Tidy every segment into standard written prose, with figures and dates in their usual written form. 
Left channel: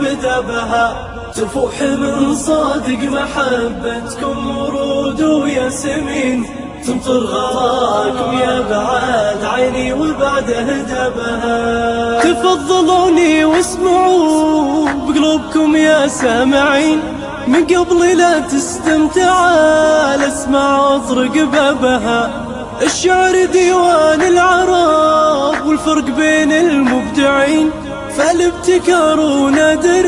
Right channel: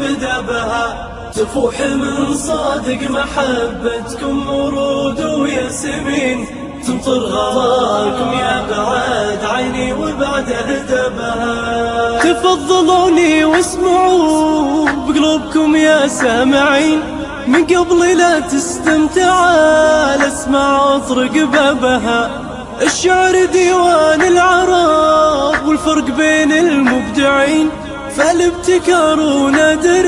بدأ بها تفوح من صادق محبتكم ورود وياسمين تمطر غراكم يا بعد عيني وبعد هدبها تفضلوني واسمعوا بقلوبكم يا سامعين من قبل لا تستمتع الاسمع اطرق بابها الشعر ديوان العرب والفرق بين المبدعين فالابتكار ونادر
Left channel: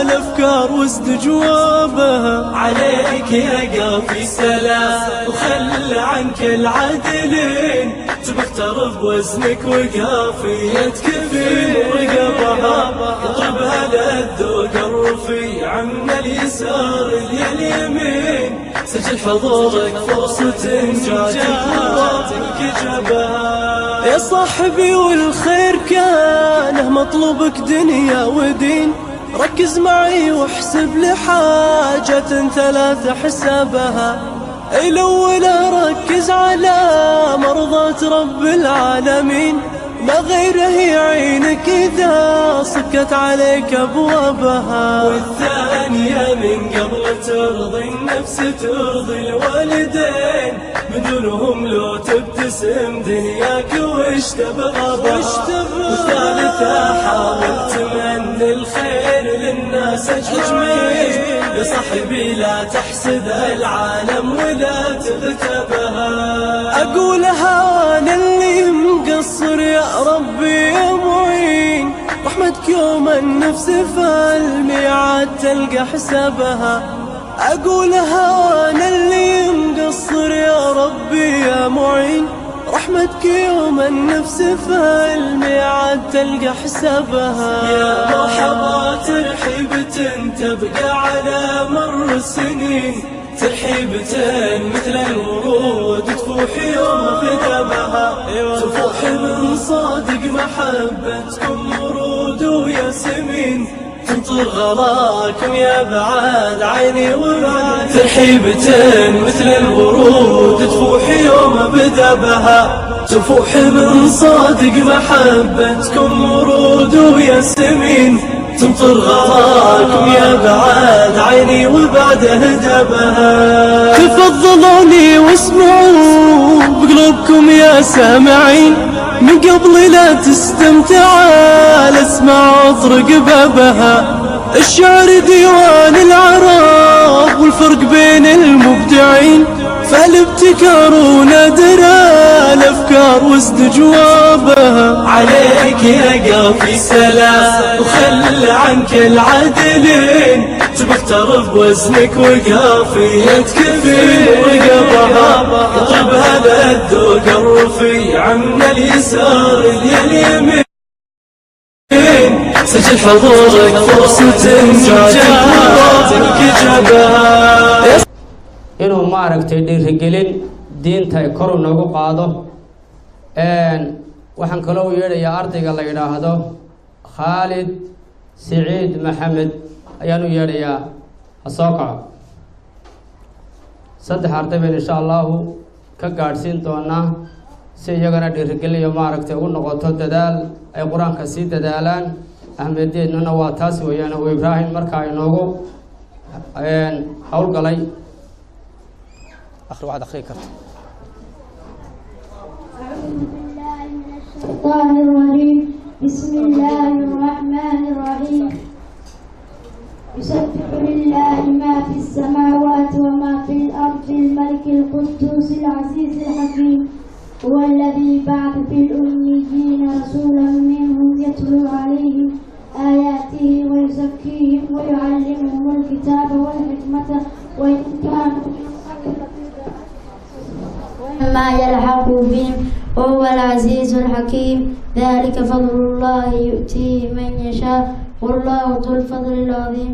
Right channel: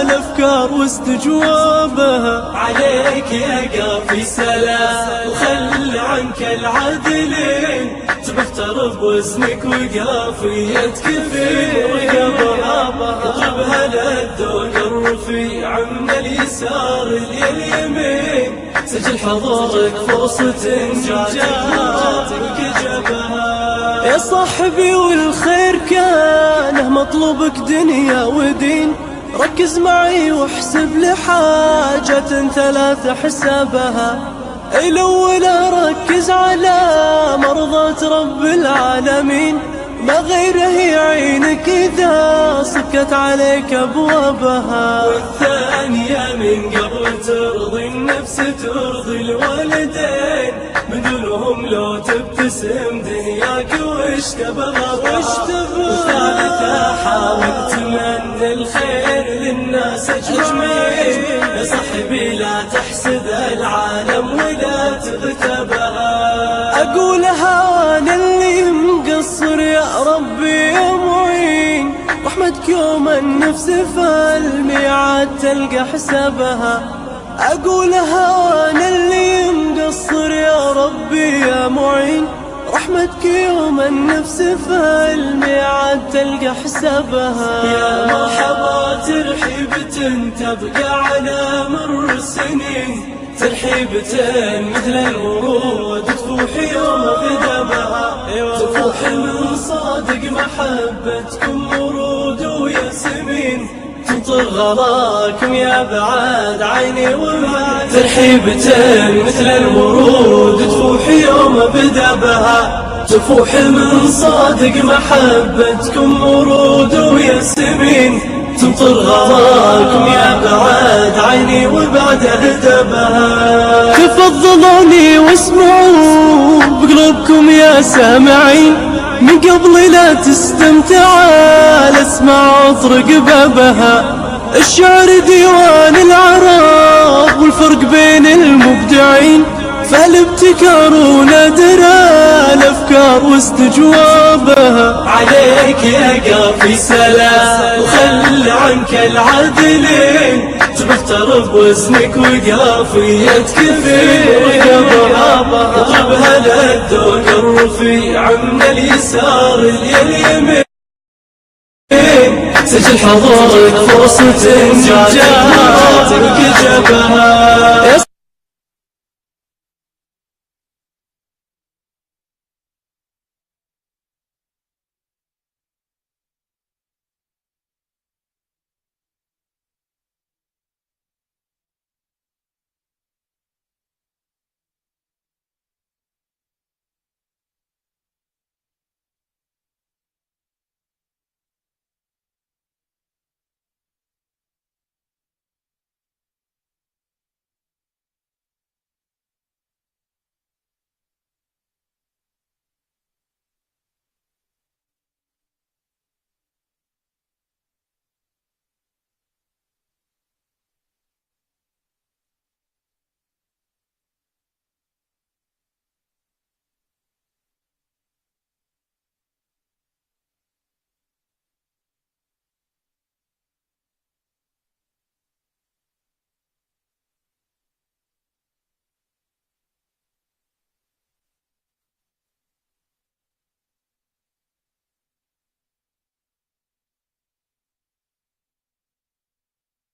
الافكار واستجوابها عليك يا قافي سلام وخل عنك العدلين تبختر بوزنك وقافيتك في رقبها اطلبها للذوق الرفيع من اليسار لليمين سجل حضورك فرصة جاتك جابها يا صاحبي والخير كانه مطلوبك دنيا ودين ركز معي واحسب لحاجة ثلاثة حسابها الأولى ركز على مرضاة رب العالمين ما غيره يعينك إذا صكت عليك أبوابها والثانية من قبل ترضي النفس ترضي الوالدين من دونهم لو تبتسم دنياك وش تبغى والثالثة حاول تمنى الخير للناس أجمعين يا صاحبي لا تحسد العالم ولا تغتبها أقولها وأنا اللي مقصر يا ربي يا معين رحمتك يوم النفس فالميعاد تلقى حسابها أقولها وأنا اللي مقصر يا ربي يا معين رحمتك يوم النفس فالميعاد تلقى حسابها يا مرحبا ترحيبة تبقى على مر السنين ترحيبة مثل الورود تفوح يوم بدمها تفوح من صادق محبتكم ورود وياسمين تمطر غراكم يا بعد عيني وبعد ترحيبة مثل الورود تفوح يوم بدمها تفوح من صادق محبتكم ورود وياسمين تمطر غراكم يا بعد عيني وبعد هدبها تفضلوني واسمعوا بقلوبكم يا سامعين من قبل لا تستمتع الاسمع اطرق بابها الشعر ديوان العرب والفرق بين المبدعين فالابتكار ونادر الافكار واستجوابها عليك يا قافي سلام وخل عنك العدلين تبختر بوزنك وقافيتك في رقبها اطلبها للذوق الرفيع من اليسار لليمين سجل حضورك فرصة جاتك جابها inuu maaragtay dhiirigelin diinta ay kor noogu qaado waxaan kaloo yeedhayaa ardayga la yiraahdo Khalid Saeed Maxamed ayaan u yeedhayaa asooqa saddex arday baan insha Allah ka gaarsiin doonaa si iyagana dhiirigelin iyo maaragtay ugu noqoto dadaal ay quraanka si dadaalaan ahmeedeedna waa taas weeyaan oo Ibrahim markaa inoogu hawl galay آخر واحد أخي كرت أعوذ بالله من الشيطان الرجيم بسم الله الرحمن الرحيم يسبح لله ما في السماوات وما في الأرض الملك القدوس العزيز الحكيم هو الذي بعث في الأميين رسولا منهم يتلو عليهم آياته ويزكيهم ويعلمهم الكتاب والحكمة وإن كانوا ما يلحق بهم وهو العزيز الحكيم ذلك فضل الله يؤتيه من يشاء والله ذو الفضل العظيم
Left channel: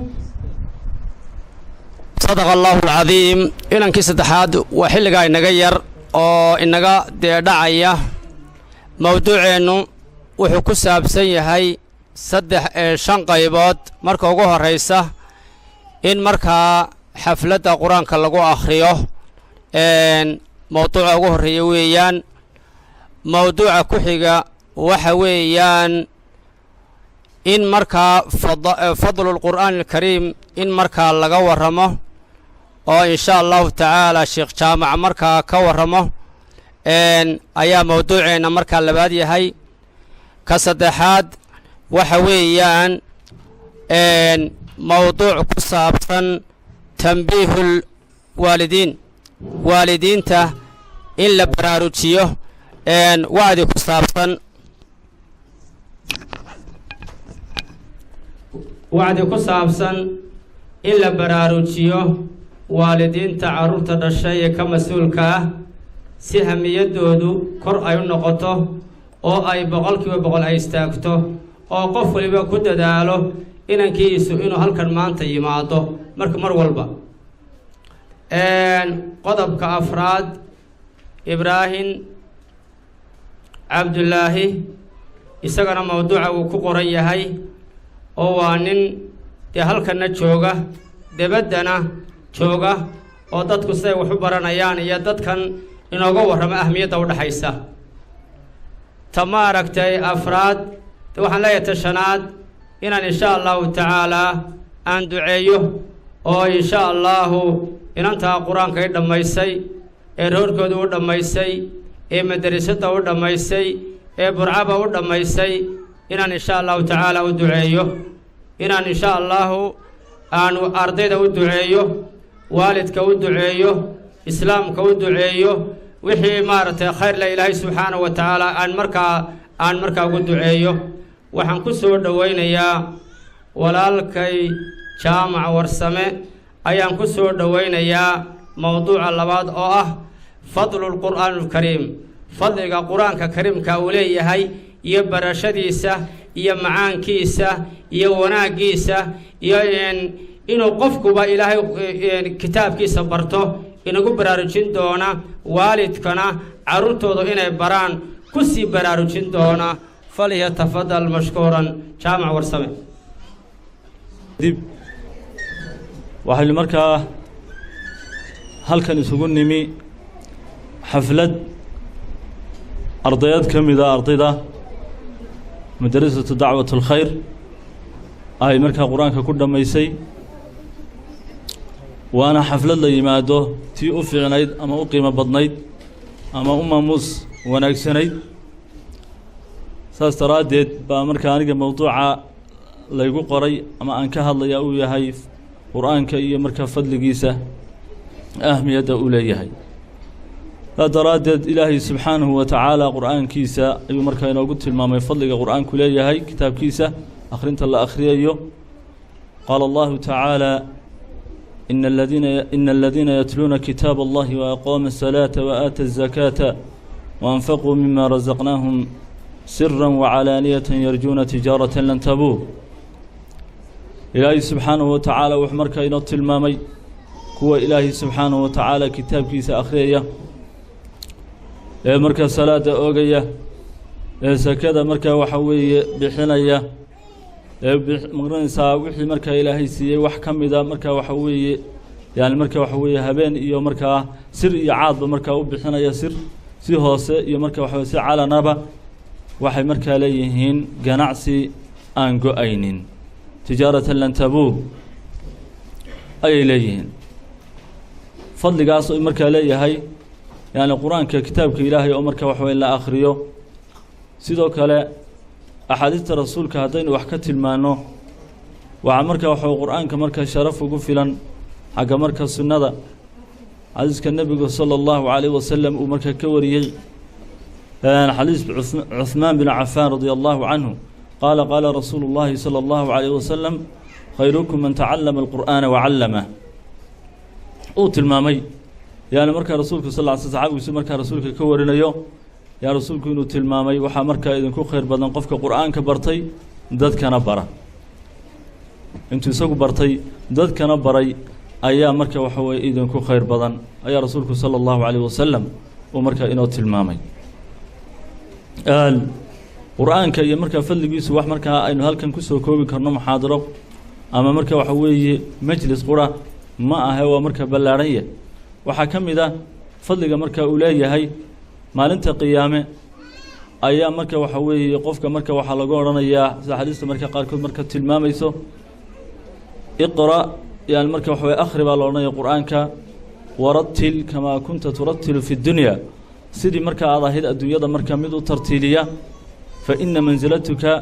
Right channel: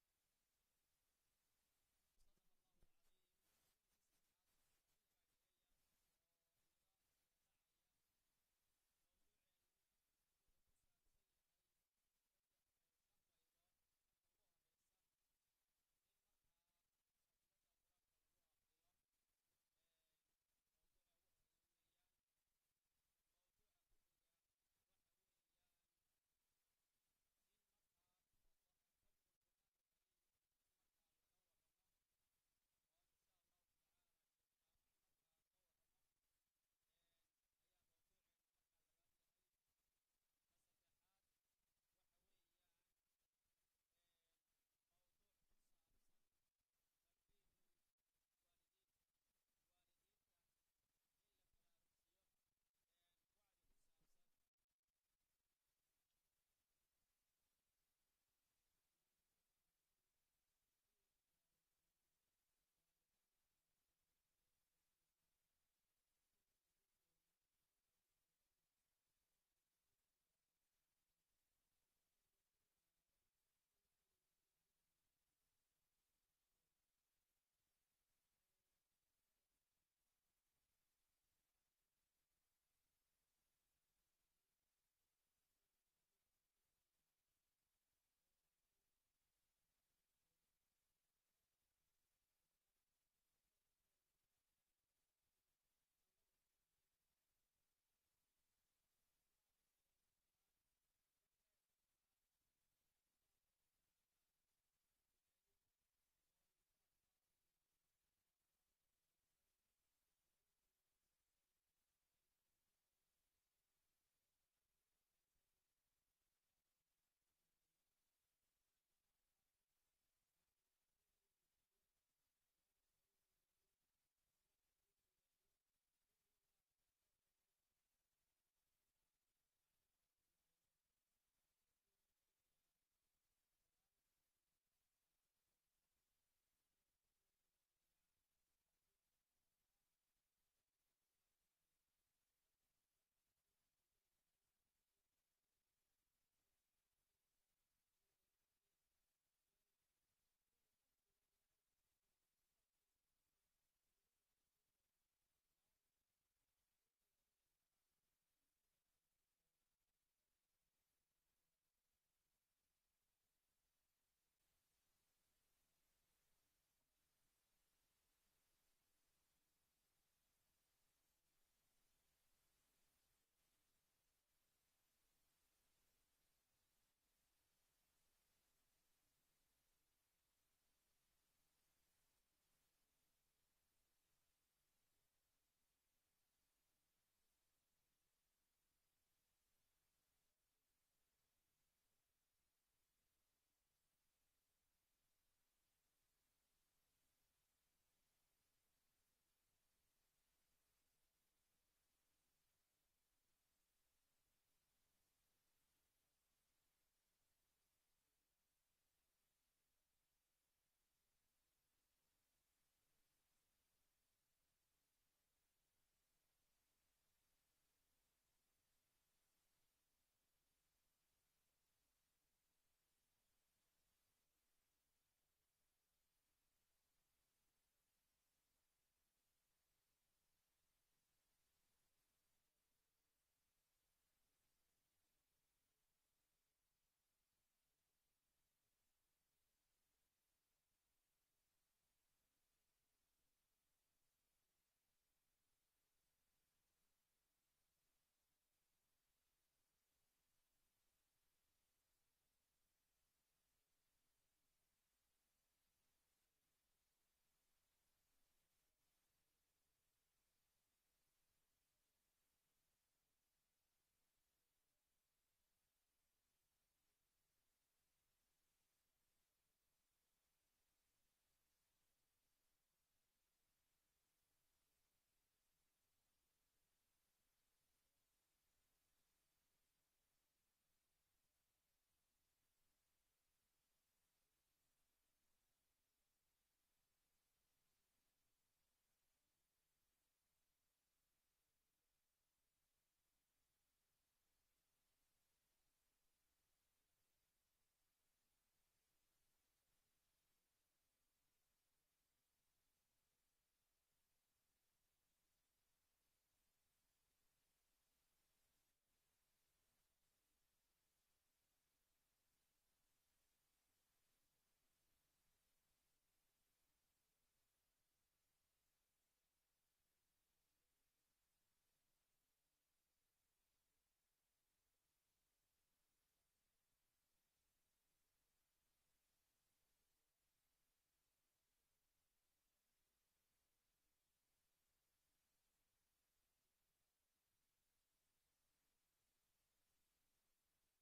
صدق الله العظيم إلى كيس التحاد وحلقة نغير أو إنغا دعاية موضوع إنه وحكو سابسي هاي صدح شان قيبات مركا وقوها الرئيسة إن مركا حفلة قرآن كاللغو آخريوه موضوع ugu horeeya weeyaan mawduuca ku xiga waxa weeyaan in markaa fadlu lqur'aani alkariim in markaa laga warramo oo in sha allahu tacaala sheekh jaamac markaa ka warramo ayaa mawduuceenna markaa labaad yahay. ka saddexaad waxa weeyaan mawduuc ku saabsan tanbiihul waalidiin, waalidiinta in la baraarujiyo wacdi ku saabsan in la baraarujiyo waalidiinta carruurta dhashay ee ka mas-uulka ah si hamiyadoodu kor ay u noqoto oo ay 100% ay istaagto oo qof waliba ku dadaalo inankiisu inuu halkan maanta yimaado mar walba. qodobka afraad ibraahim cabdullaahi isagana mawduuca uu ku qoran yahay oo waa nin dee halkanna jooga debaddana jooga oo dadku siday wax u baranayaan iyo dadkan inooga warramo ahmiyadda u dhaxaysa. ta ma aragtay afraad waxaan leeyahay ta shanaad inaan insha allahu tacaalaa aan duceeyo oo insha allahu inantaa qur-aanka i dhammaysay ee roorkooda u dhammaysay ee madrasadda u dhammaysay ee burcaba u dhammaysay inaan insha allahu tacaala u duceeyo, inaan insha allahu aanu ardayda u duceeyo, waalidka u duceeyo, islaamka u duceeyo, wixii maaragtay khayr la ilaahay subxaanahu wa tacaala aan markaa ugu duceeyo. waxaan ku soo dhowaynayaa walaalkay jaamac warsame ayaan ku soo dhowaynayaa mawduuca labaad oo ah fadlulqur'aani alkariim, fadliga qur-aanka kariimka uu leeyahay iyo barashadiisa iyo macaankiisa iyo wanaaggiisa iyo inuu qofkuba ilaahay kitaabkiisa barto inagu baraarujin doona, waalidkana carruurtooda inay baraan ku sii baraarujin doona. falyatafadal mashkuuran jaamac warsame. dib waxaynu markaa halkan isugu nimi xaflad ardayad ka mida ardayda madrasatu dacwat alkhayr ay markaa qur-aanka ku dhammaysay, waana xaflad la yimaado tii u fiicnayd ama u qiimo badnayd ama u maamuus wanaagsanayd. saas daraaddeed baa markaa aniga mawduuca laygu qoray ama aan ka hadlayaa uu yahay qur-aanka iyo markaa fadligiisa ahmiyadda uu leeyahay. saas daraaddeed ilaahay subxaanahu wa tacaala qur-aankiisa ayuu markaa inoogu tilmaamay fadliga qur-aanku leeyahay kitaabkiisa akhrinta la akhriyayo. qaala allahu tacaala ina aladiina yatluuna kitaab allahi waaqaama asalaata waaata azakaata waanfaquu mima razaqnaahum sira wacalaaniyatan yarjuuna tijaaratan lan tabuur. ilaahay subxaanahu wa tacaala wuxuu markaa inoo tilmaamay kuwa ilaahay subxaanahu wa tacaala kitaabkiisa akhriyaya ee markaa salaada oogaya ee sakada markaa waxa weeye bixinaya ee maqranaysaa wixii markaa ilaahay siiyey wax ka mida markaa waxa weeye yani markaa waxa weeye habeen iyo markaa sir iyo caadba markaa u bixinaya, sir si hoose iyo markaa waxa si calanaba waxay markaa leeyihiin ganacsi aan go-aynin, tijaaratan lan tabuur ayay leeyihiin. fadligaas oo markaa leeyahay yani qur-aanka kitaabka ilaahay oo markaa waxa weeye la akhriyo. sidoo kale axaadiista rasuulka haddaynu wax ka tilmaano waxaa markaa waxa qur-aanka markaa sharaf ugu filan xagga marka sunnada. xadiiska nebigu sala allahu calayhi wasalam uu markaa ka wariyey xadiis cuثmaan bin cafaan radia allahu canhu qaala qaala rasuulu llahi salى allahu calayhi wasalam khayrukum man tacallama alqur'aana wacallamah. uu tilmaamay yani markaa rasuulku sal ly saxaabigiisu markaa rasuulka ka warinayo yaa rasuulku inuu tilmaamay waxaa markaa idinku khayr badan qofka qur'aanka bartay dadkana bara. intuu isagu bartay dadkana baray ayaa marka waxa weye idinku khayr badan ayaa rasuulku sala allahu calayh wasalam uu markaa inoo tilmaamay. qur-aanka iyo markaa fadligiisu wax markaa aynu halkan kusoo koobi karno muxaadaro ama marka waxa weeye majlis qura ma ahe, waa markaa ballaarhanya. waxaa ka mid ah fadliga markaa uu leeyahay maalinta qiyaame ayaa marka waxa weeye qofka marka waxaa lagu odhanayaa sida xadiista marka qaarkood marka tilmaamayso iqra yani marka waxa weye akhri baa la odhanaya qur-aanka warattil kamaa kunta turattilu fi dunya sidii marka aad ahayd adduunyada marka mid u tartiiliya fa ina mansilatuka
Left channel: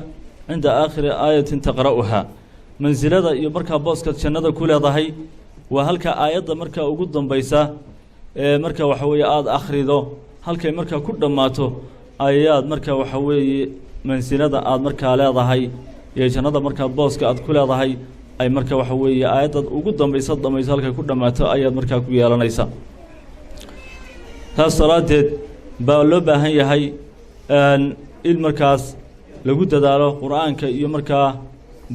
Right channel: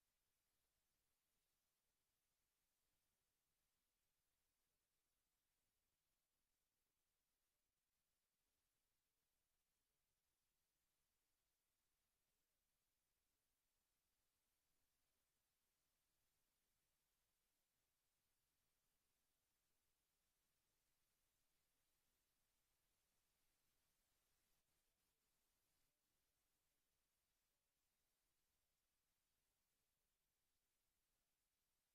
cinda aakhiri aayatin taqra'uhaa mansilada iyo markaa booskaad jannada ku leedahay waa halka aayadda marka ugu dambaysa ee marka waxa weeye aada akhrido halkay markaa ku dhammaato ayaad marka waxa weeye mansilada aad markaa leedahay iyo jannada markaa booska aad ku leedahay ay marka waxa weeye aayaddaad ugu dambaysa dhamayso halkay ku dhammaato ayaad markaa ku yeelanaysa taas daraaddeed baa loo baahan yahay in markaas lagu dadaalo qur-aanka iyo markaa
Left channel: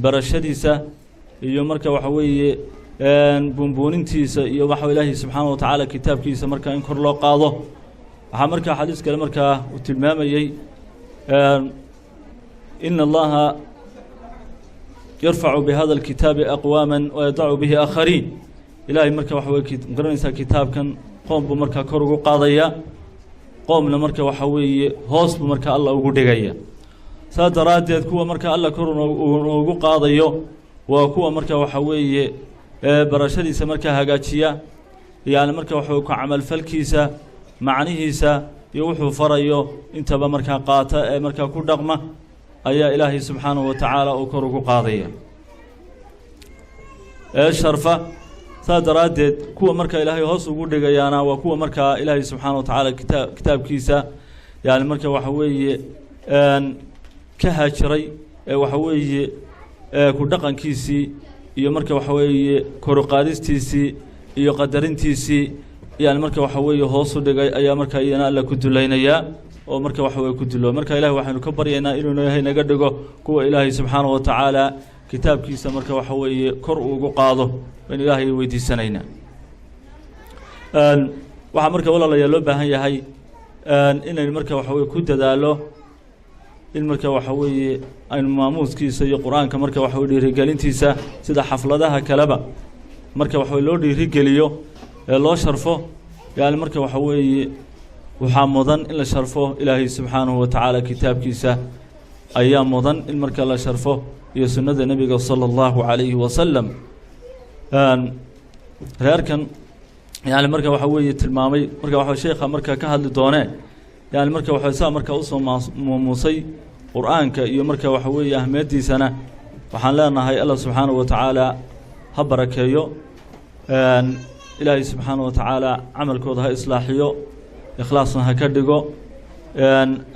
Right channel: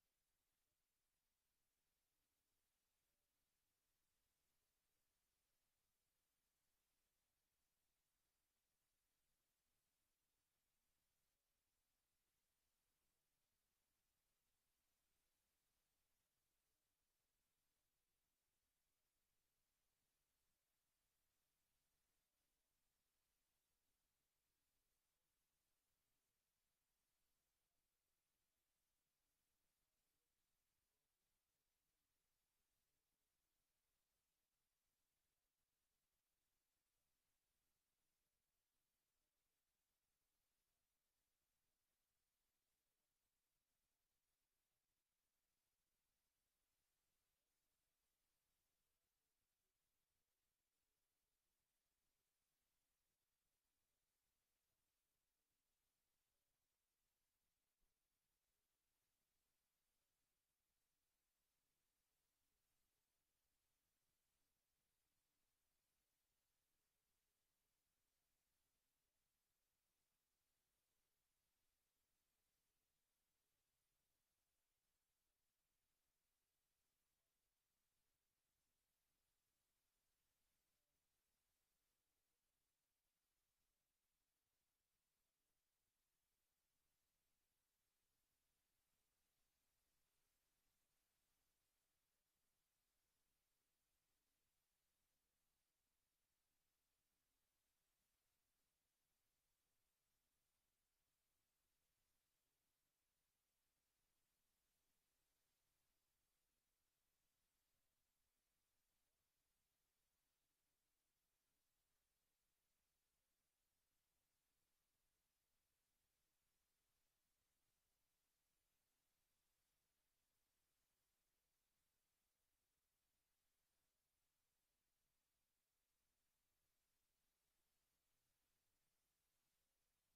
barashadiisa iyo marka waxa weeye buunbuunintiisa iyo waxa ilaahay subxaana wa tacaala kitaabkiisa markaa in kor loo qaado waxaa markaa xadiis kale markaa uu tilmaamayey ina allaha yarfacu bihada alkitaabi aqwaama wayadacu bihi aakhariin ilaahay marka waxa weye garanaysaa kitaabkan qoom buu markaa kor ugu qaadaya qoomna marka waxa weeye hoos buu marka alla ugu dhigaya saas daraaddeed kuwa marka alla kor ugu qaadayo waa kuwa marka waxa weeye barashadiisa markaa hagaajiya yani marka waxa ku camalfalkiisa macnihiisa iyo wuxuu farayo intaba markaa qaata ee markaa ku dhaqma ayaa ilaahay subxaanahu wa tacaala uu kor ugu qaadaya sharfa saas daraaddeed kuwa marka ilaahay hoos ugu dhigayaana waa kuwa markaa ilaahay subxaana wa tacaala kitaabkiisa yani marka waxa weeye ka haajiray ee waxa weeye ku dhaqankiisii iyo marka waxa weeye koruqaadistiisii iyo qadarintiisii yani marka waxa weeye hoos u dhigay ayaa marka iyana alla ku dulaynayaa oo marka waxa weye ku dulo marka ilahay waxaynu ka baryaynaa inuu ilaahay naga dhigo kuwa ilaahay subxaana wa tacaala kitaabkiisa marka waxa weeye kor ugu qaado baynu ilaahay weydiisanaynaa waxaa marka walaalayaa loo baahan yahay inaynu marka waxa weye ku dadaalo in marka waxa weeye aynu maamuuskiisa iyo qur-aanka marka waxa weye dhiirigelintiisa sida xafladaha kaleba marka waxa weye loo dhiirigeliyo ee loo sharfo yani marka waxa weeye waxaa mudan in la sharfo ilaahay subxaanahu wa tacaala kitaabkiisa ayaa mudan in marka la sharfo iyo sunnada nebiga sala allahu calayhi wasalam reerkan yani marka waxa weeye tilmaamay marka waxa sheekha marka ka hadli doonee yani marka waxa saa marka usoo maamuusay qur-aanka iyo marka waxa weeye ahmiyaddiisana waxaan leenahay allah subxaanahu wa tacaala ha barakeeyo ilaahay subxaanahu wa tacaala camalkooda ha islaaxiyo ikhlaasna ha ka dhigo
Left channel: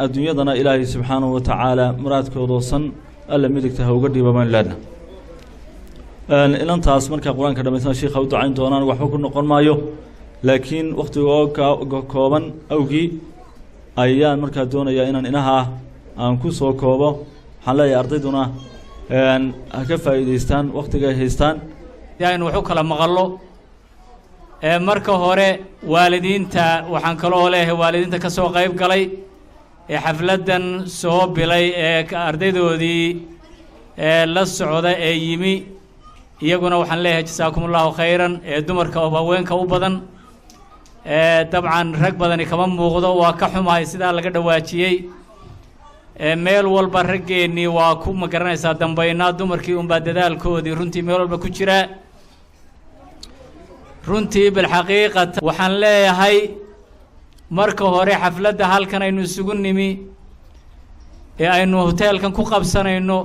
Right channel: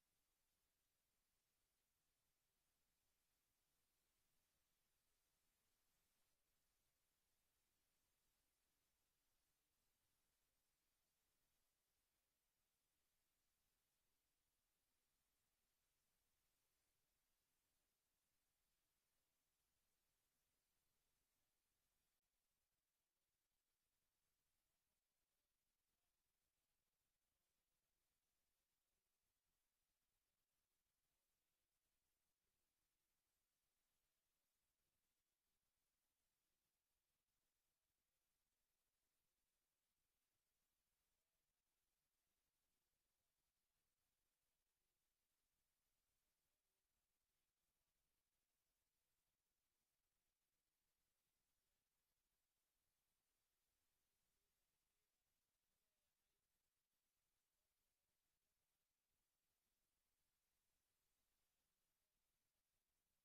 adduunyadana ilaahay subxaanahu wa tacaala muraadkoodoosan alla midigta ha uga dhiiba baynu leenahay ilantaas markaa qur-aanka dhamaysana sheikha u ducayn doonaan waxba ku noqon maayo laakiin wakhtiga kooban awgii ayaan markaa doonayaa inaan inaha aan ku soo koobo waxaan leeyahay ardayduna ha ka faa'iidaystaan wakhtiga ay haystaan aynu wax u kala maqallo marka hore waalidiinta waxaan kaloo leeyahay waalidiinta ka soo qayb galay ee xafladdan soo bilay ee ardaydoodii la socda ee yimi iyaguna waxaan leeyahay jasaakum allahu khayran ee dumarka oo haweenka u badan dabcan rag badani kama muuqdo waa ka xumahay sidaa laga dhawaajiyey meel walba raggeennii waa ku ma garanaysaa dambaynaa dumarkii unbaa dadaalkoodii runtii meel walba ku jira runtii bilxaqiiqata waxaan leeyahay marka hore xafladda halkan aynu isugu nimi ee aynu hoteelkan ku qabsanayno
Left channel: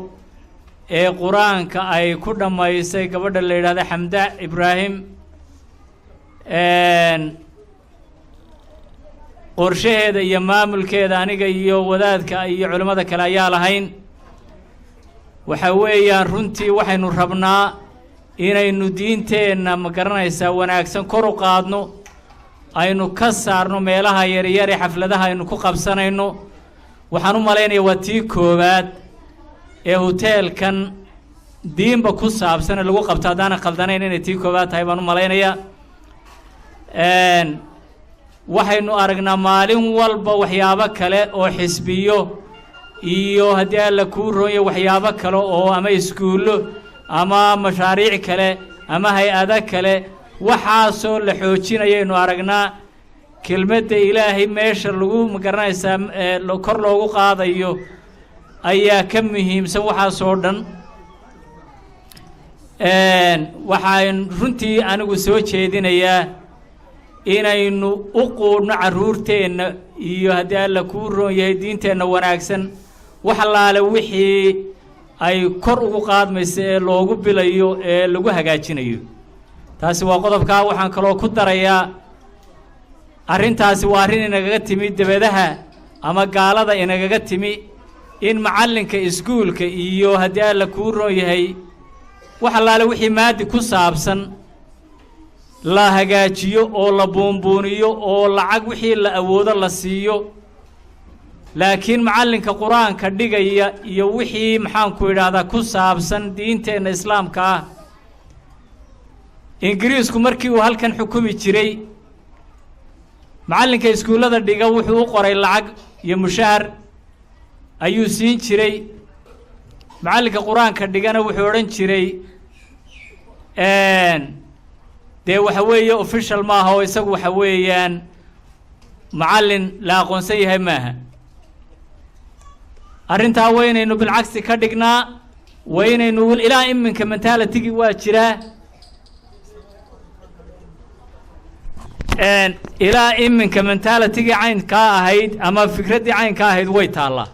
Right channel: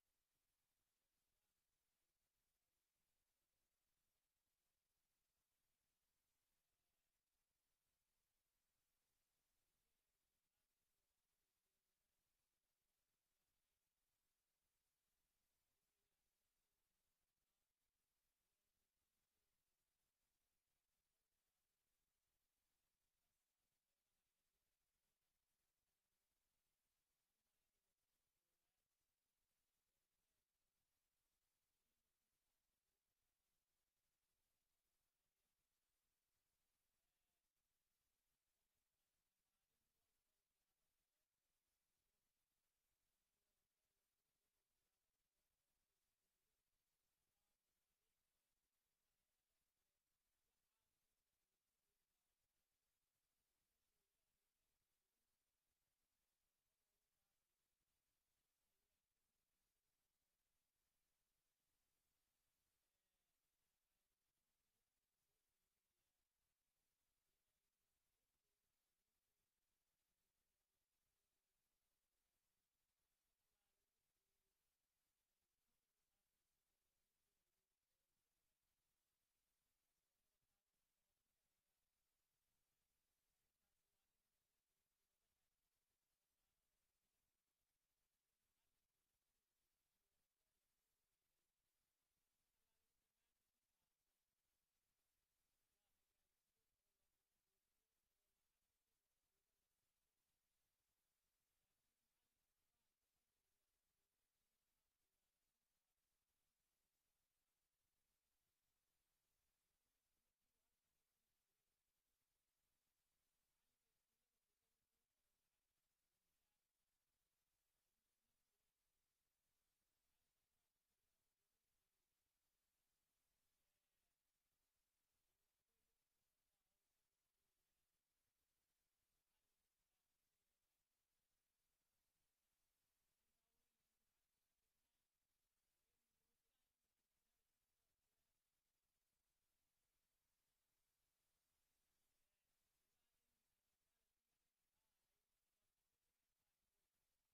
ee qur-aanka ay ku dhammaysay gabadha la yidhahda xamda ibraahim qorshaheeda iyo maamulkeeda aniga iyo wadaadka iyo culimmada kale ayaa lahayn waxa weeyaan runtii waxaynu rabnaa inaynu diinteenna ma garanaysaa wanaagsan kor u qaadno aynu ka saarno meelaha yaryar ee xafladaha aynu ku qabsanayno waxaan u malaynayaa waa tii koowaad ee hoteelkan diinba ku saabsan ee lagu qabto haddaanan khaldanayn inay tii koowaad tahay baan u malaynayaa waxaynu aragnaa maalin walba waxyaabo kale oo xisbiyo iyo haddii alla kuu roonya waxyaabo kale oo ama iskuullo ama mashaariic kale ama hay-ado kale waxaasoo la xoojinayaynu aragnaa kelmadda ilaahay meesha lagu magaranaysaa kor loogu qaadayo ayaa ka muhiimsan waxaasoo dhan. waxaan runtii anigu soo jeedinayaa inaynu u quudhno carruurteenna iyo haddii alla kuu roon yahay diinteenna wanaagsan wax allaale wixii ay kor ugu qaadmayso ee loogu bilayo ee lagu hagaajinayo. taasi waa qodobkaa. waxaan kaloo ku darayaa arrintaasi waa arrin inagaga timi debadaha ama gaalada inagaga timi in macallinka iskuulka iyo haddii alla kuu roon yahay wax allaale wixii maadi ku saabsan la hagaajiyo oo la buunbuuniyo oo lacag wixii la awoodo la siiyo, laakiin macallinka qur-aanka dhigaya iyo wixii maxaanku idhaahdaa ku saabsan diinteenna islaamka ah. ingiriisku markii uu halkan xukumi jiray macallinka iskuullada dhiga wuxuu u qoray lacag iyo mushahar ayuu siin jiray. macallinka qur-aanka dhigana wuxuu odhan jiray dee waxa weeye official maaha oo isagu waxa weeyaan macallin la aqoonsan yahay maaha. arrintaa waa inaynu bilcagsi ka dhignaa, waa inaynu ilaa iminka mentalitigii waa jiraa, ilaa iminka mentalitigii caynkaa ahayd ama fikraddii caynkaa ahayd way taallaa.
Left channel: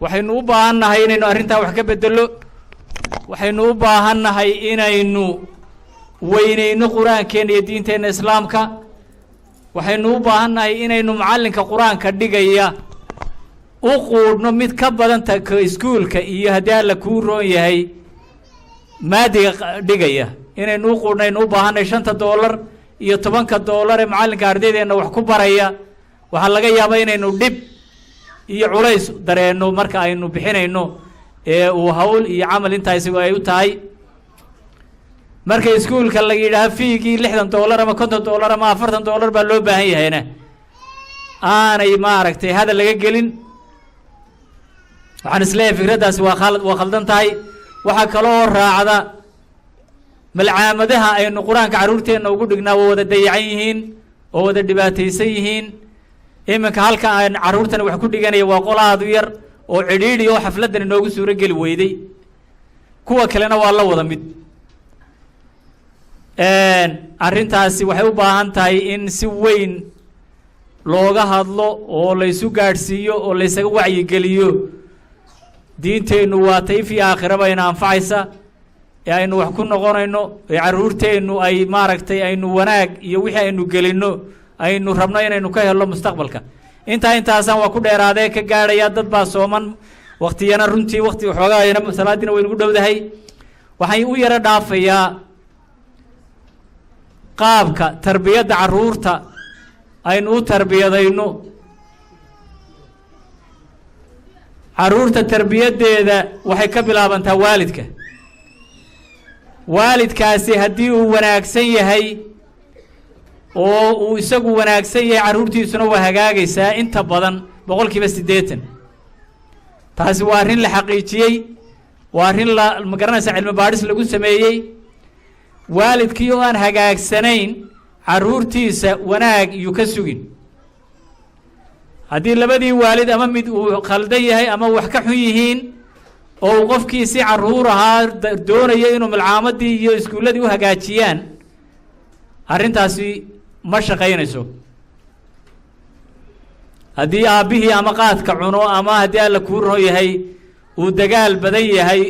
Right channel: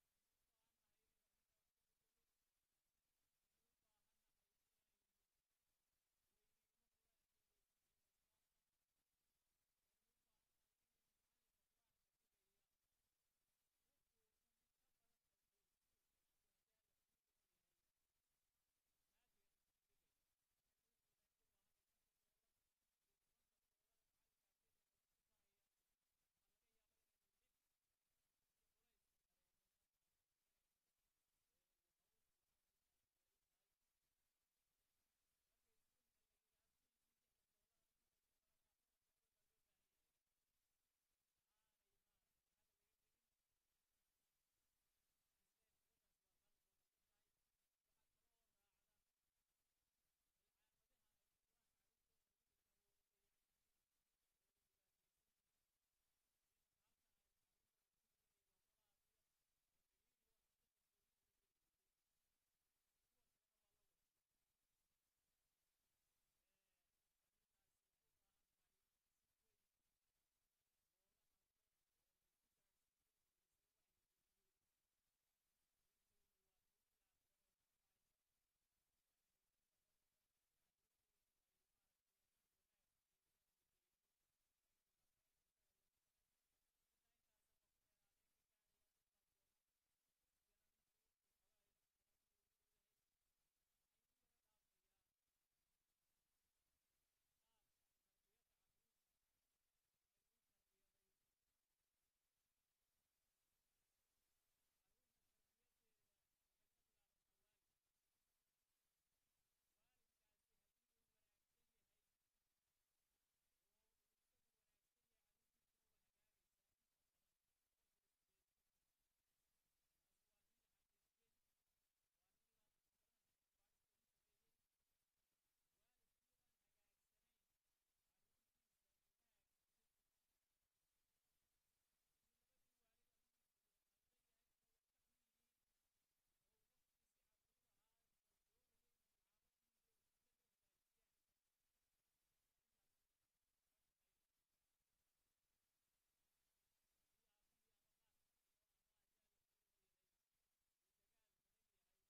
waxaynu u baahan nahay inaynu arrintaa wax ka bedelo. waxaynu u baahan nahay inaynu weynayno qur-aankeenna iyo diinteenna islaamka. waxaynu u baahan nahay inaynu macallinka qur-aanka dhigaya u quudhno mid ka badan ka iskuulka iyo haddii alla kuu roon yahay maadiga dhigaya inaynu u quudhnaynu u baahannahay $5 iyo $10 ee macallinka ardaydeenna wax ku baraya. waxaa laga yaabaa inaynu dhib iyo culays dareenno marka aynu bixinayno ee uu hawl iyo camal intaa isagu ay u tahay. marka iskuulka la yidhaaha fiigii $60 ama $50 ama $40 baa loo baahan yahayna aanay maaragtay hadal laga gelin. waxaan isleeyahay fikraddaasi waa khaldan tahay. waxaa kaloo raacda malcaamadaha aynu qur-aanka carruurteenna ugu dhignaa waa wada dayacan yihiin oo wada dhibaataysan yihiin. iminka halka aan carruurtani wax ku dhiganaya waa qolaadu yar oo cidhiidhi oo xafladdan inoogu suuro geli weyday. kuwa kalena waa la wada mid. arrintaasi waxay u baahan tahay in si weyn looga hadlo oo laysu gaadhsiiyo oo laysaga wacyigeliyo. diinteennu waa tayf iyo aakhiraba ina anfacaysa ee aynu wax ku noqonayno ee carruurteennu ay maaragtay aynu wanaag iyo wixii aynu gelinno aynu rabno inaynu ka helno mustaqbalka. intaasaan waa ku dheeraadee ka gaadhaya. dad baa sooman waktiyana runtii wakti waxoogaayana salaadiina waynugu dhowdahay. waxaan u yaro dhaafayaa qaabka tarbiyadda carruurta aynu u tarbiyadayno. carruurta tarbiyaddeeda waxay ka bilaabantaa waalidka. waalidkaasi haddii uu wanaagsan yahay oo uu isagu wanaagsan yahay carruurtiisuna waa hagaagaysaa inta badan 80%. taasi waa arrin la xaqiijiyey, waa arrin magaranaysa cilmi baadhis lagu sameeyey. waalidkii oo aan hagaagsanayn carruurtiisa wanaag iyuu ka sugin. haddii labadii waalid ama mid uu khaldan yahay ama wax ka xun yihiin oo uu qofkii si carruur ahaa doonayo inuu malcaamadii iyo iskuulladii u hagaajiyaan, arrintaasi ma shaqaynayso. haddii aabbihii ama qaadka cuno ama haddii alla kuu roon yahay uu dagaal badan yahay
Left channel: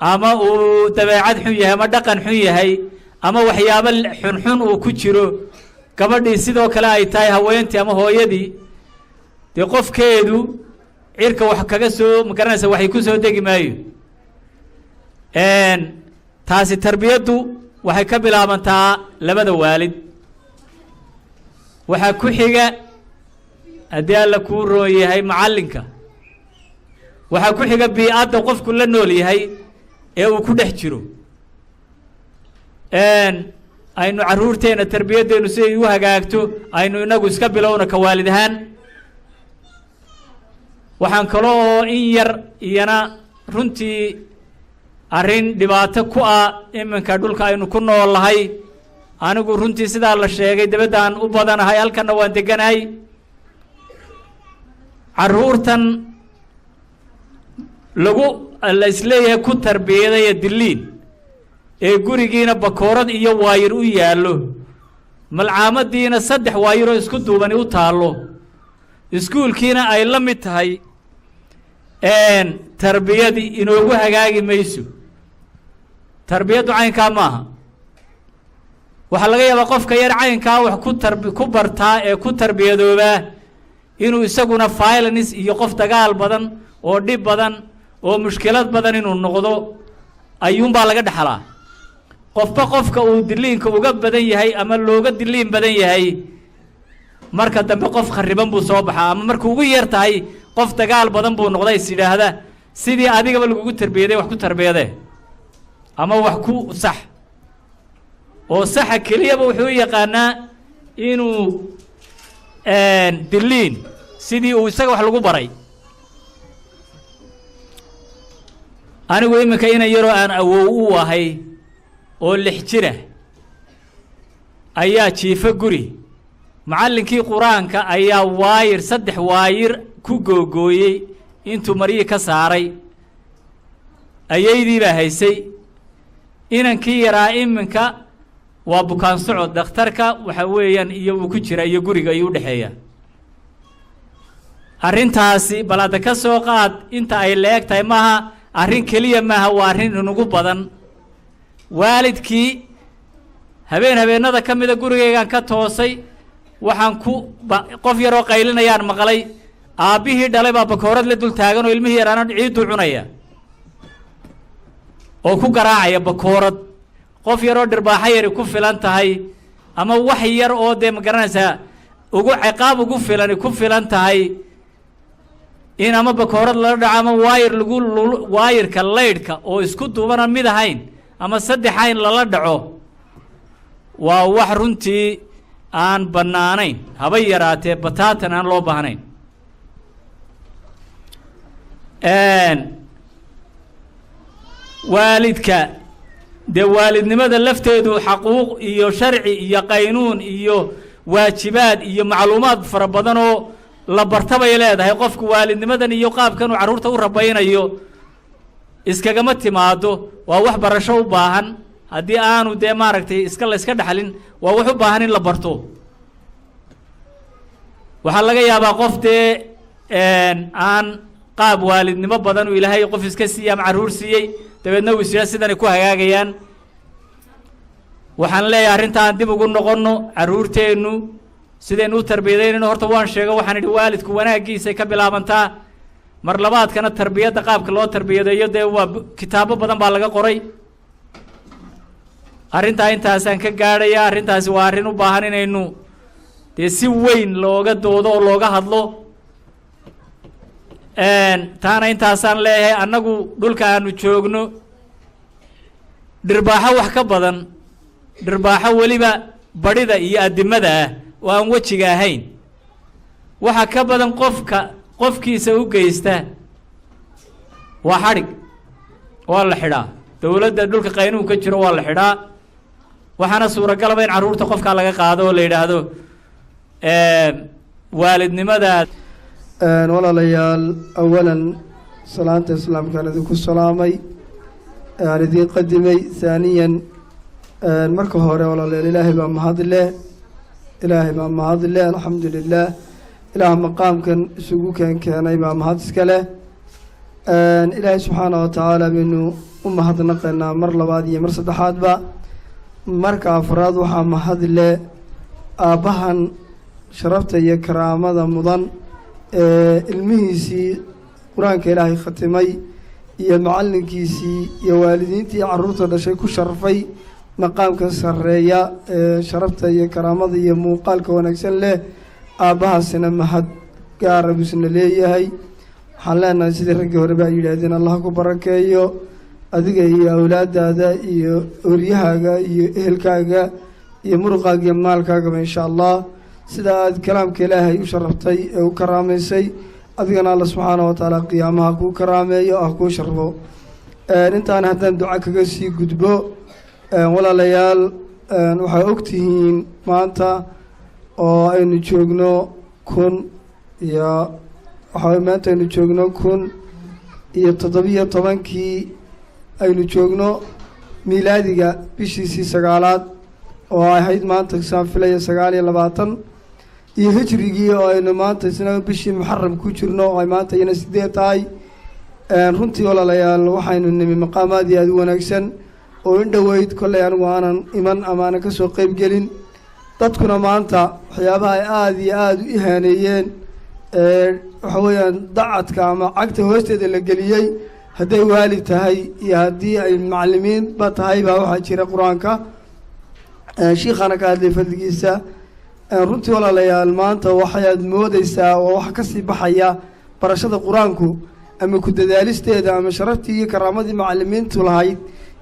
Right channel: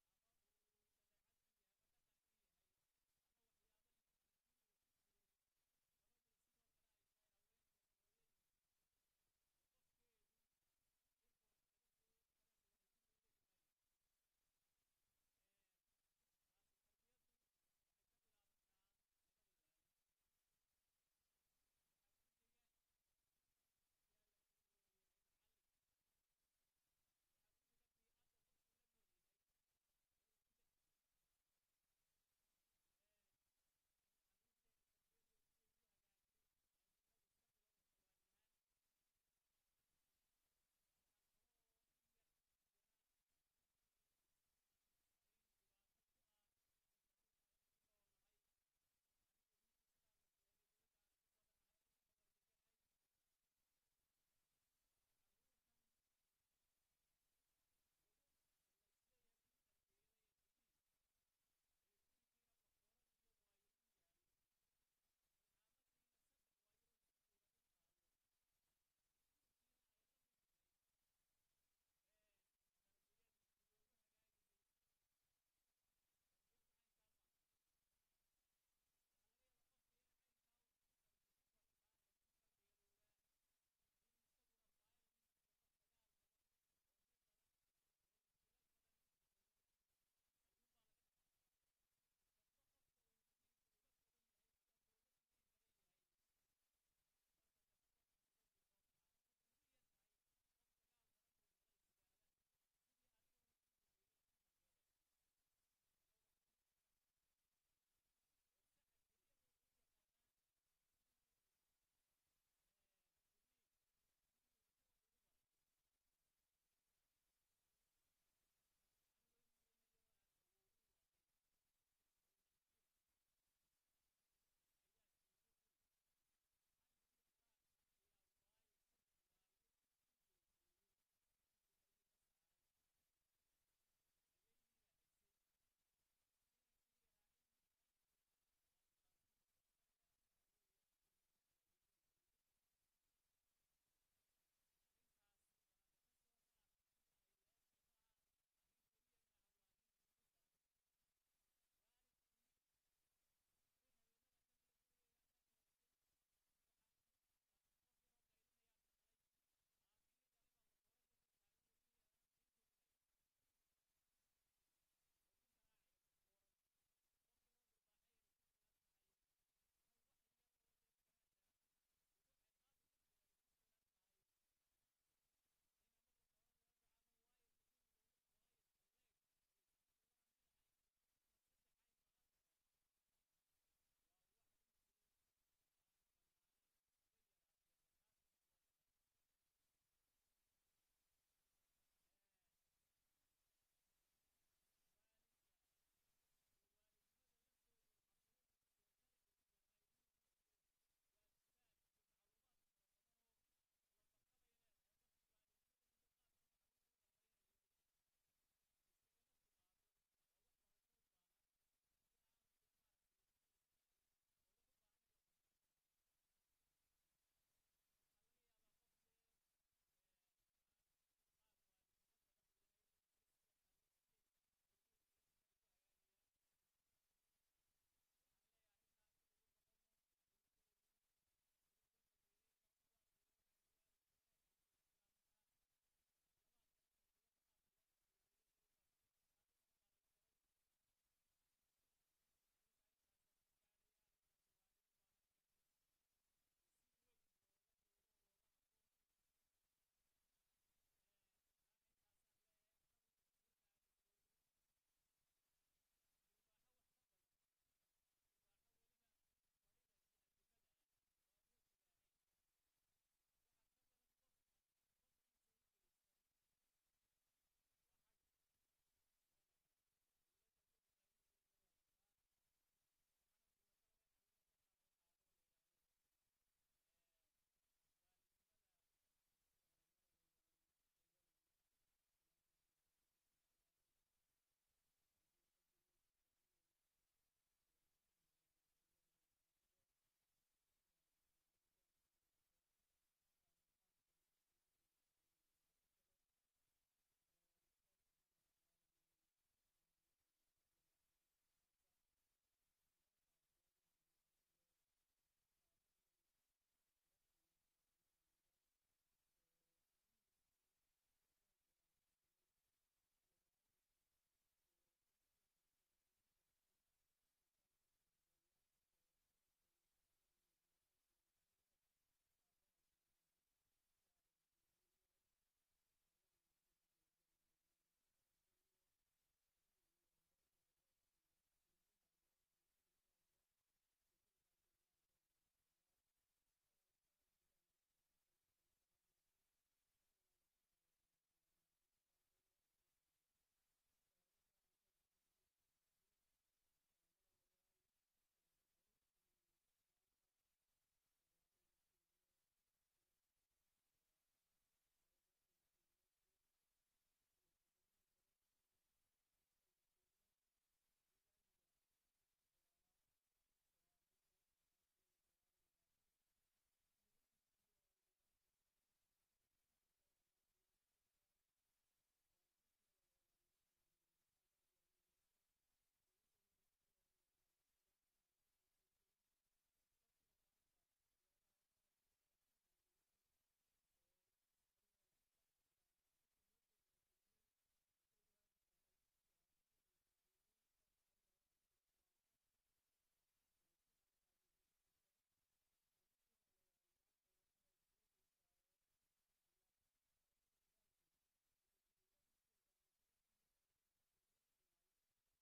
ama uu dabeecad xun yahay ama dhaqan xun yahay ama waxyaabo xunxun uu ku jiro, gabadhii sidoo kale ay tahay haweentii ama hooyadii, dee qofkeedu cirka wax kaga soo magaranaysa waxay ku soo degi maayo. taasi tarbiyaddu waxay ka bilaabantaa labada waalid. waxaa ku xiga haddii alla kuu roon yahay macallinka. waxaa ku xiga bii-adda qofku la nool yahay ee uu ku dhex jiro. aynu carruurteenna tarbiyaddeenu si ay u hagaagto aynu inagu iska bilowna ka waalid ahaan. waxaan kaloo in yar iyana runtii arrin dhibaato ku ah iminka dhulka aynu ku nool nahay anigu runtii sidaa la sheegay dabaddaan u badanahay halkanna waan deganahay carruurtan la isleeyahay ku tarbiyadaya diliin ee gurigiina bakoorad iyo waayir u yaallo malcaamadiina 3 waayiroo isku duubani u taallo iskuulkiina ay la mid tahay tarbiyadii inoogu hagaagi mayso tarbiyaddu caynkaa maaha waxaa laga yaabaa qofka yar caynkaa wax ku bartaa ee ku tarbiyadoobaa inuu isaguna violence iyo qof dagaal badan oo dhib badan oo mushkilad badan inuu noqdo ayuunbaa laga dhaxlaa qofba qofka uu diliinka uga badan yahay ama looga diliin badan yahay marka dambe qof khariban buu soo baxaa ama markuu ugu yar tahay qof dagaal badan buu noqday is yidhaahda sidii adigaba lagugu tarbiyaday wax ku tarbiyadee ama wax ku sax oo saxa keliyaba wuxuu u yaqaanaa inuu diliin sidii uu isaga wax lagu baray anigu iminka ina yaroo aan awow u ahay oo 6 jira ayaa jiifa guri macallinkii quraanka ayaa waayir 3 waayir ku googooyey intuu mariyii ka saaray ayaydii baa haysay inankii yaraa iminka waa bukaan socod dhakhtarka waxa weeyaan iyo uu ku jira iyo guriga ayuu u dhexeeya arrintaasi balada ka soo qaad inta ay leeg tahay maaha arrin keliya maaha waa arrin inugu badan waalidkii habeenada ka mida gurigaygaan ka toosay waxaan qof yaroo qaylinayaan maqlay aabbihii dhalay baa bakoorad la dul taagan oo ilmihii yaraana ciiduu cunaya oo ku garaacaya bakoorad qof yaroo dhirbaaxa yari ku filan tahay ama wax yar oo dee ma garanaysaa ciqaab ugu filan tahay in ama bakoorad lala dhaco ama waayirka laydhka oo isku duubana mid ahayn ama 3 ayn lala dhaco waa wax runtii aan bannaanayn haba yaraatee bataatan aan loo baahnayn waalidka dee waalidnimada lafteedu xaquuq iyo sharci iyo qaynuun iyo waajibaad iyo macluumaad fara badan oo la bartabay leedahay qofku waalidnimadan iyo qaabkan uu carruurta u rabaynayo iskagama timaado waa wax barasho u baahan haddii aanu dee maaragtay la iska dhaxlin waa wax u baahan in la barto waxaa laga yaabaa qof dee aan qaab waalidnimo badan uu ilaahay qof iska siiyey ama carruur siiyey dabeedna uu isyaa sidanay ku hagaagayaan waxaan leeyahay arrintaan dib ugu noqonno carruurteennu sidaynu u tarbiyadaynayno horta waan sheego waxaan idhi waalidku wanaaggiisay ka bilaabantaa mar labaadkana tarbiyadda qaabka loo tarbiyadeeyo dee waa kitaabo badan baa laga qoray arrintaa intaasaan ka gaadhaya arrintaasi waa arrin u baahan inaynu dee si weyn looga doodo oo looga hadlo taana intaasaan leeyahay annagu dhulka aanu joogno dhirbaaxo wax ka badan dhirbaaxo weliba badhida iyo addimada ah oo aan wejiga ahayn waxa ka badan qofkiisa u geysta waa xadhig waa la xidhaa dowladda dhulka qaynuun ka jiro waa la xidhaa waxaana suuragalaba in carruurta qofkaa laga qaado oo la yidhaahdo waalidnimada walaalayaal awalan salaanta islaamkaan idinku salaamay aan idiin qadimay haaniyan marka hore walaalayaal ilaahay baa mahad leh alxamdu lilah ilaah maqaamkan isugu keenay baa mahad iska leh ilaahay subxaana wa tacaala baynu u mahadnaqaynaa mar labaad iyo mar saddexaadba marka afraad waxaa mahad leh aabbahan sharafta iyo karaamada mudan ilmihiisii qur-aanka ilaahay khatimay iyo macallinkiisii iyo waalidiintii carruurta dhashay ku sharfay maqaamka sarreeya sharafta iyo karaamada iyo muuqaalka wanaagsan leh aabbahaasina mahad gaara buusna leeyahay waxaan leenahay sidii raggii horeba ay yidhaahdeen allah ku barakeeyo adiga iyo awlaadaada iyo oryahaaga iyo ehelkaaga iyo muruqaaga iyo maalkaagaba insha allah sida aad kalaamka ilaahay u sharaftay ee u karaamaysay adigana alla subxaana wa tacaala qiyaamaha kuu karaameeyo ah kuu sharfo intaan haddaan duca kaga sii gudbo walaalayaal waxay ogtihiin maanta oo aynu joogno maanta aynu joogno 17 aynu joogno miilaadiga bishiisii 9aad oo ahayd maanta saan filaya 29 iyo hijrigii oo aynu maanta isna bishii muxaram ku jirno oo ay maanta iyana 8 tahay runtii walaalayaal waxaynu nimi maqaamaad iyo aad u wanaagsan oo in dhoweyd kolley anigu aanan iman ama aanan ka soo qayb gelin dadkuna maanta waxyaabaha ay aada iyo aada u ihaaneeyeen waxa weeyaan dacadka ama cagta hoosteeda la geliyey hadday waalid tahay iyo haddii ay macallimiinba tahay baa waxaa jira qur-aanka shiikhana ka hadlay fadligiisa runtii walaalayaal maanta waxaad moodeysaa oo waxa kasii baxaya barashada qur-aanku ama ku dadaalisteeda ama sharaftii iyo karaamadii macallimiintu lahayd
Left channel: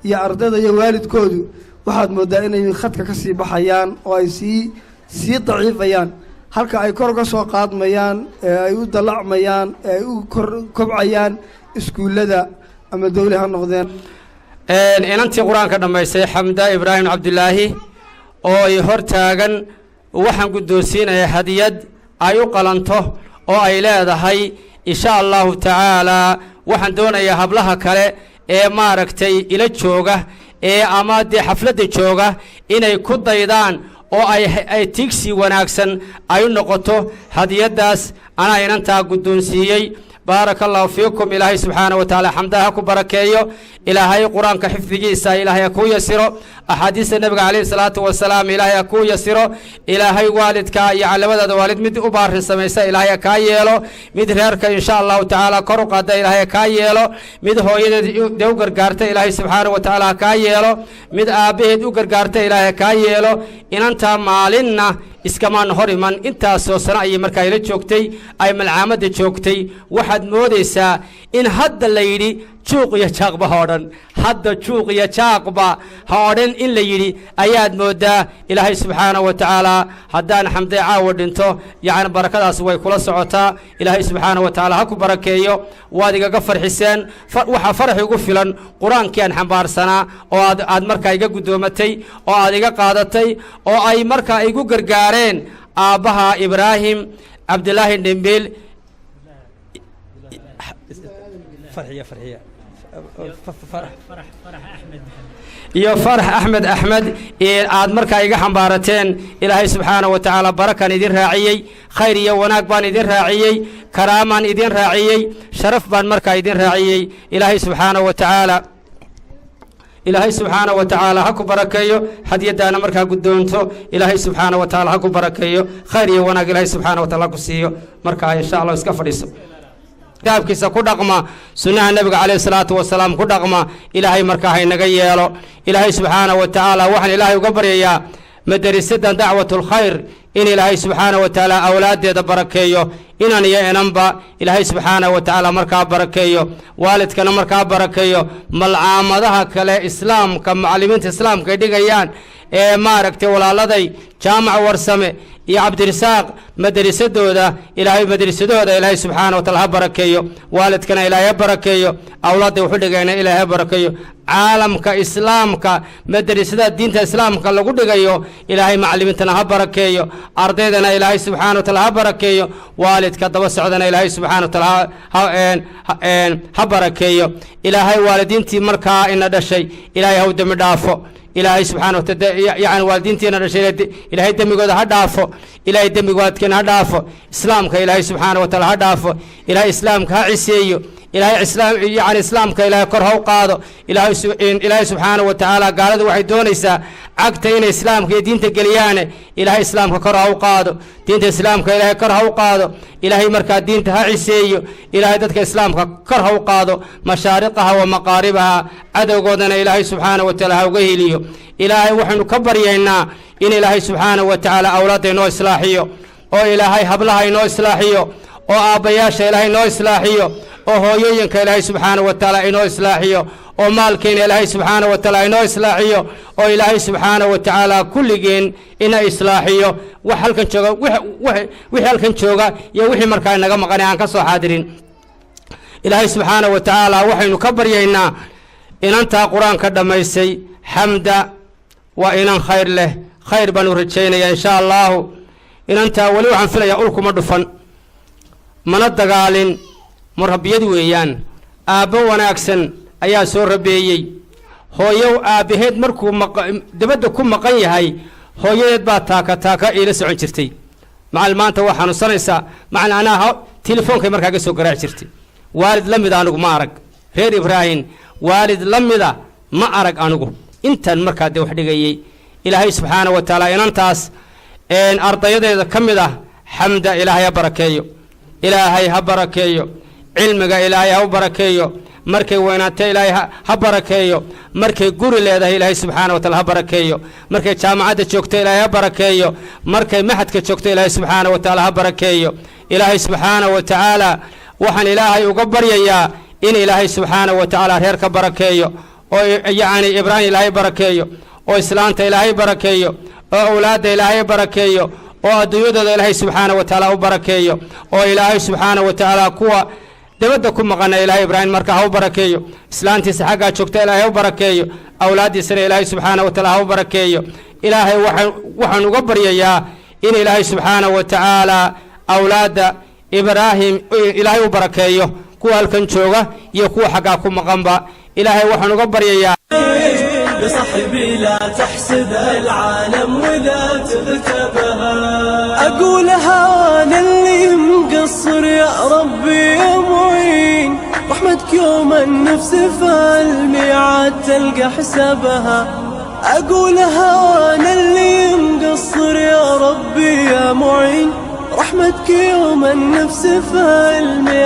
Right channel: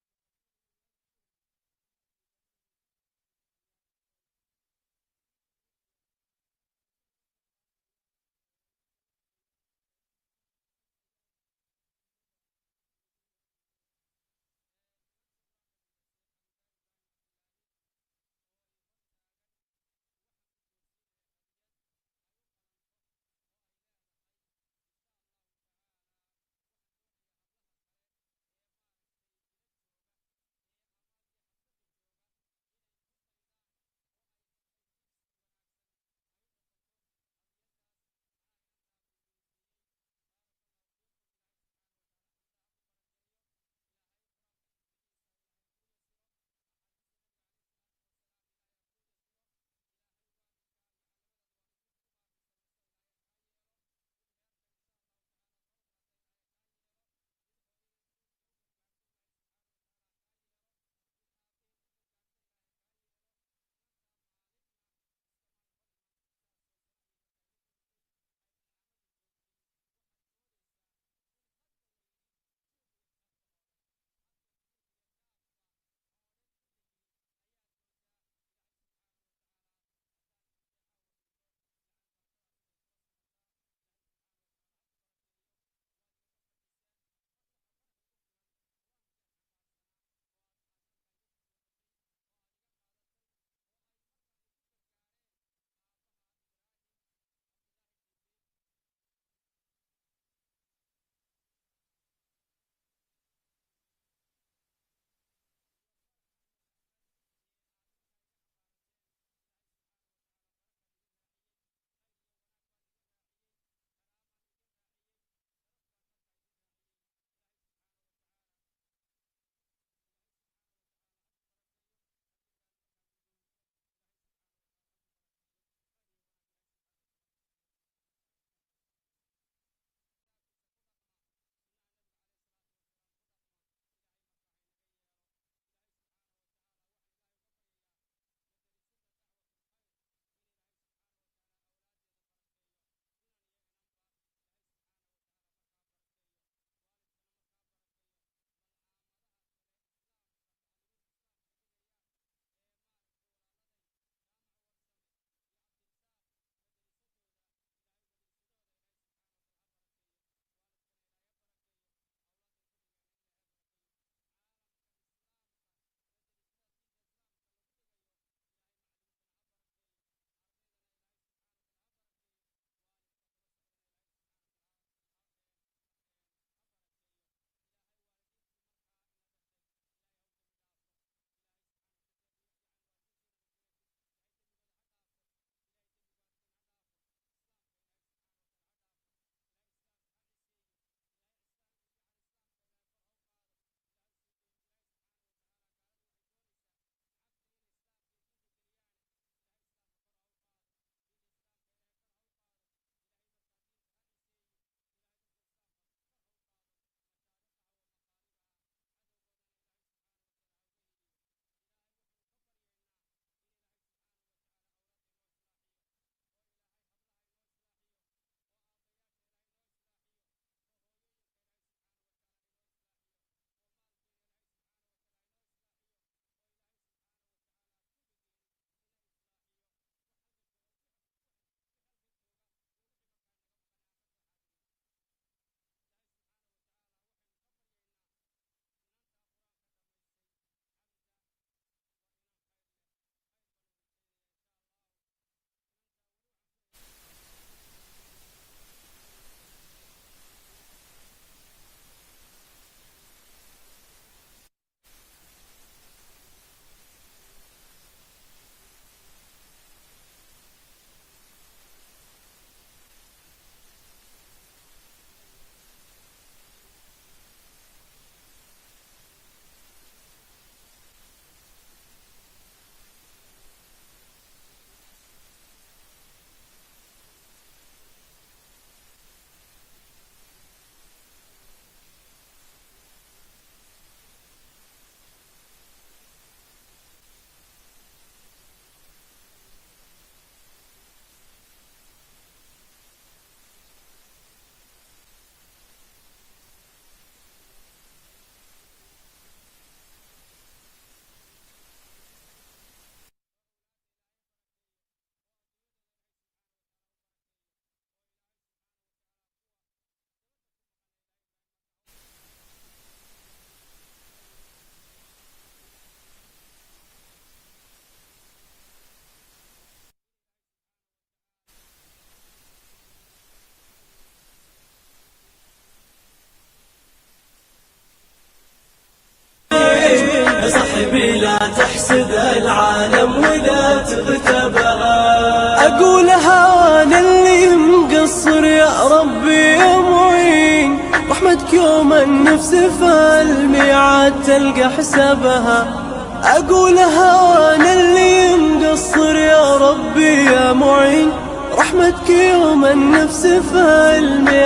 iyo ardayda iyo waalidkoodu waxaad moodaa inay khadka kasii baxayaan oo ay sii daciifayaan halka ay kor ka soo qaadmayaan ee ay u dalacmayaan ee ay u kobcayaan iskuullada ama dawli ha noqdeen inantii qur-aanka dhammaystay xamda ibraahim cabdilaahi oo ay hor taagan waxaan guddoonsiinaya hadiyad ay u qalanto oo ay leedahay insha allahu tacaalaa waxaan doonayaa hablaha kale ee maaragtay ila jooga ee ama dee xafladda jooga inay ku daydaan oo ay tigsi wanaagsan ay u noqoto hadiyaddaas anaa inantaa guddoonsiiyey baaraka allahu fiikum ilaahay subxaana wa tacaala xamdaha ku barakeeyo ilaahay qur-aanka xifdigiisa ilaahay ha kuu yasiro axaadiista nebiga calayhi salaatu wasalaam ilaahay ha kuu yasiro ilaahay waalidka iyo labadaada waalid mid u baarin samaysa ilaahay ha kaa yeelo mid reerka insha allahu tacaala kor u qaada ilaahay ha kaa yeelo mid hooyadeed dee u gargaarta ilaahay subxaana wa tacaala ha kaa yeelo mid aabbaheed u gargaarta ilaahay ha kaa yeelo inantaa maalinna iskamaan hor iman intaasoo sano ayay markaa ila joogtay ay malcaamadda joogtay waxaad moodaysaa in hadda la yidhi juuq iyo jaaqba ha odhan hadda juuq iyo jaaqba ha odhan in la yidhi ayaad moodaa ilaahay subxaanahu wa tacaala haddaan xamday caawa dhinto yacni barakadaas way kula socotaa ilaahay subxaanahu wa tacaala ha ku barakeeyo waad igaga farxiseen waxaa faraxi ugu filan qur-aankii aan xambaarsanaa oo aad markaa iga guddoomatay oo aad iga qaadatay oo ay markaa igu gargaareen aabbaha ibraahim cabdilaahi dhimbil iyo farax axmed aad markaa iga xambaarateen ilaahay subxaanahu wa tacaala barakaan idin raaciyey khayr iyo wanaag baan idin raaciyey karaamaan idin raaciyey sharaf baan markaa idin raaciyey ilaahay subxaanahu wa tacaala ha ku barakeeyo hadiyadaana markaa guddoonto ilaahay subxaanahu wa tacaala ha ku barakeeyo khayr iyo wanaag ilaahay subxaanahu wa tacaala ha ku siiyo markaa insha allah iska fadhiiso kitaabkiisa ku dhaqma sunnaha nebiga calayhi salaatu wasalaam ku dhaqma ilaahay markaa haynaga yeelo ilaahay subxaanahu wa tacaala waxaan ilaahay uga baryayaa madarisadan dacwatulkhayr in ilaahay subxaanahu wa tacaala awlaaddeeda barakeeyo inan iyo inanba ilaahay subxaanahu wa tacaala markaa barakeeyo waalidkana markaa barakeeyo malcaamadaha kale islaamka macallimiinta islaamka ay dhigayaan ee maaragtay walaaladay jaamac warsame iyo cabdirisaaq madarisadooda ilaahay madarisadooda ilaahay subxaana wa taala ha barakeeyo waalidkana ilaahay ha barakeeyo awlaadda wuxu dhigayna ilaahay ha barakeeyo caalamka islaamka madrasada diinta islaamka lagu dhigayo ilaahay macallimiintana ha barakeeyo ardaydana ilaahay subxaana wa taala ha barakeeyo waalidka daba socdana ilaahay subxaana wa taala ha barakeeyo ilaahay waalidiintii markaa ina dhashay ilaahay ha u dembi dhaafo ilaahay subxaana wa taala yani waalidiintiina dhashay ilaahay dembigooda ha dhaafo ilaahay dembigoodkeena ha dhaafo islaamka ilaahay subxaana wa taala ha dhaafo ilaahay islaamka ha ciseeyo ilaahay yani islaamka ilaahay kor ha u qaado ilaahay subxaana wa tacaala gaaladu waxay doonaysaa cagta inay islaamka iyo diinta geliyaane ilaahay islaamka kor ha u qaado diinta islaamka ilaahay kor ha u qaado ilaahay markaa diinta ha ciseeyo ilaahay dadka islaamka kor ha u qaado mashaariqaha wa maqaaribaha cadowgoodana ilaahay subxaana wa taala ha uga heliyo ilaahay waxaynu ka baryaynaa in ilaahay subxaana wa tacaala awlaadda inoo islaaxiyo oo ilaahay hablaha inoo islaaxiyo oo aabbayaasha ilaahay inoo islaaxiyo oo hooyooyinka ilaahay subxaana wa tacaala inoo islaaxiyo oo maalkeena ilaahay subxaana wa tacaala inoo islaaxiyo oo ilaahay subxaana wa tacaala kulligeen ina islaaxiyo wax halkan jooga wixii halkan jooga iyo wixii markaa inaga maqanay aan ka soo xaadirin ilaahay subxaana wa tacaala waxaynu ka baryaynaa inantaa qur-aanka dhammaysay xamda وإن خير له خير بنو رجينا إن شاء الله إن أنت ولو عن فلا يقولكم مدفن من الدقالين مربيد ويان أبو وناكسن أيا سور ربيي هو يو أبيهد مركو دبدكم مقاي هاي هو يدبا تاكا إلى سعون شرتي مع المان توحنا صنيسا مع أنا تليفون كمركا جسوا قراء شرتي والد لمدا أنو ما أرق غير إبراهيم والد لمدا ما أرق أنو أنت المركا دي وحدي جاي إلهي سبحانه وتعالى إن أنتاس إن أرض يده كمدا حمد إلهي بركيو إلهي هبركيو علمك إلهي هبركيو مركي وينات إلهي هبركيو مركي قول إلهي سبحانه وتعالى هبركيو مركي جامعة تشوكت إلهي هبركيو مركي محد كتشوكت إلهي سبحانه وتعالى هبركيو إلهي سبحانه وتعالى وحن إلهي وقبر يا إن إلهي سبحانه وتعالى هيرك بركيو يعني إبراهيم إلهي بركيو وإسلامت إلهي بركيو وأولاد إلهي بركيو وديود إلهي سبحانه وتعالى وبركيو وإلهي سبحانه وتعالى قوة دبدكم مقنا إلهي إبراهيم مركه وبركيو إسلامتي سحقا شكت إلهي وبركيو أولادي سر إلهي سبحانه وتعالى وبركيو إلهي وحن وقبر يا إن إلهي سبحانه وتعالى أولاد إبراهيم إلهي وبركيو قوة الكنشوغة يقوى حقاكم مقنبا إلهي وحن وقبر يا بصحبي لا تحسد العالم وإذا تغتبها أقولها أنا اللي مقصر يا ربي يا معين رحمتك يوم النفس فالميعاد تلقى حسابها أقولها أنا اللي مقصر يا ربي يا معين رحمتك يوم النفس فالميعاد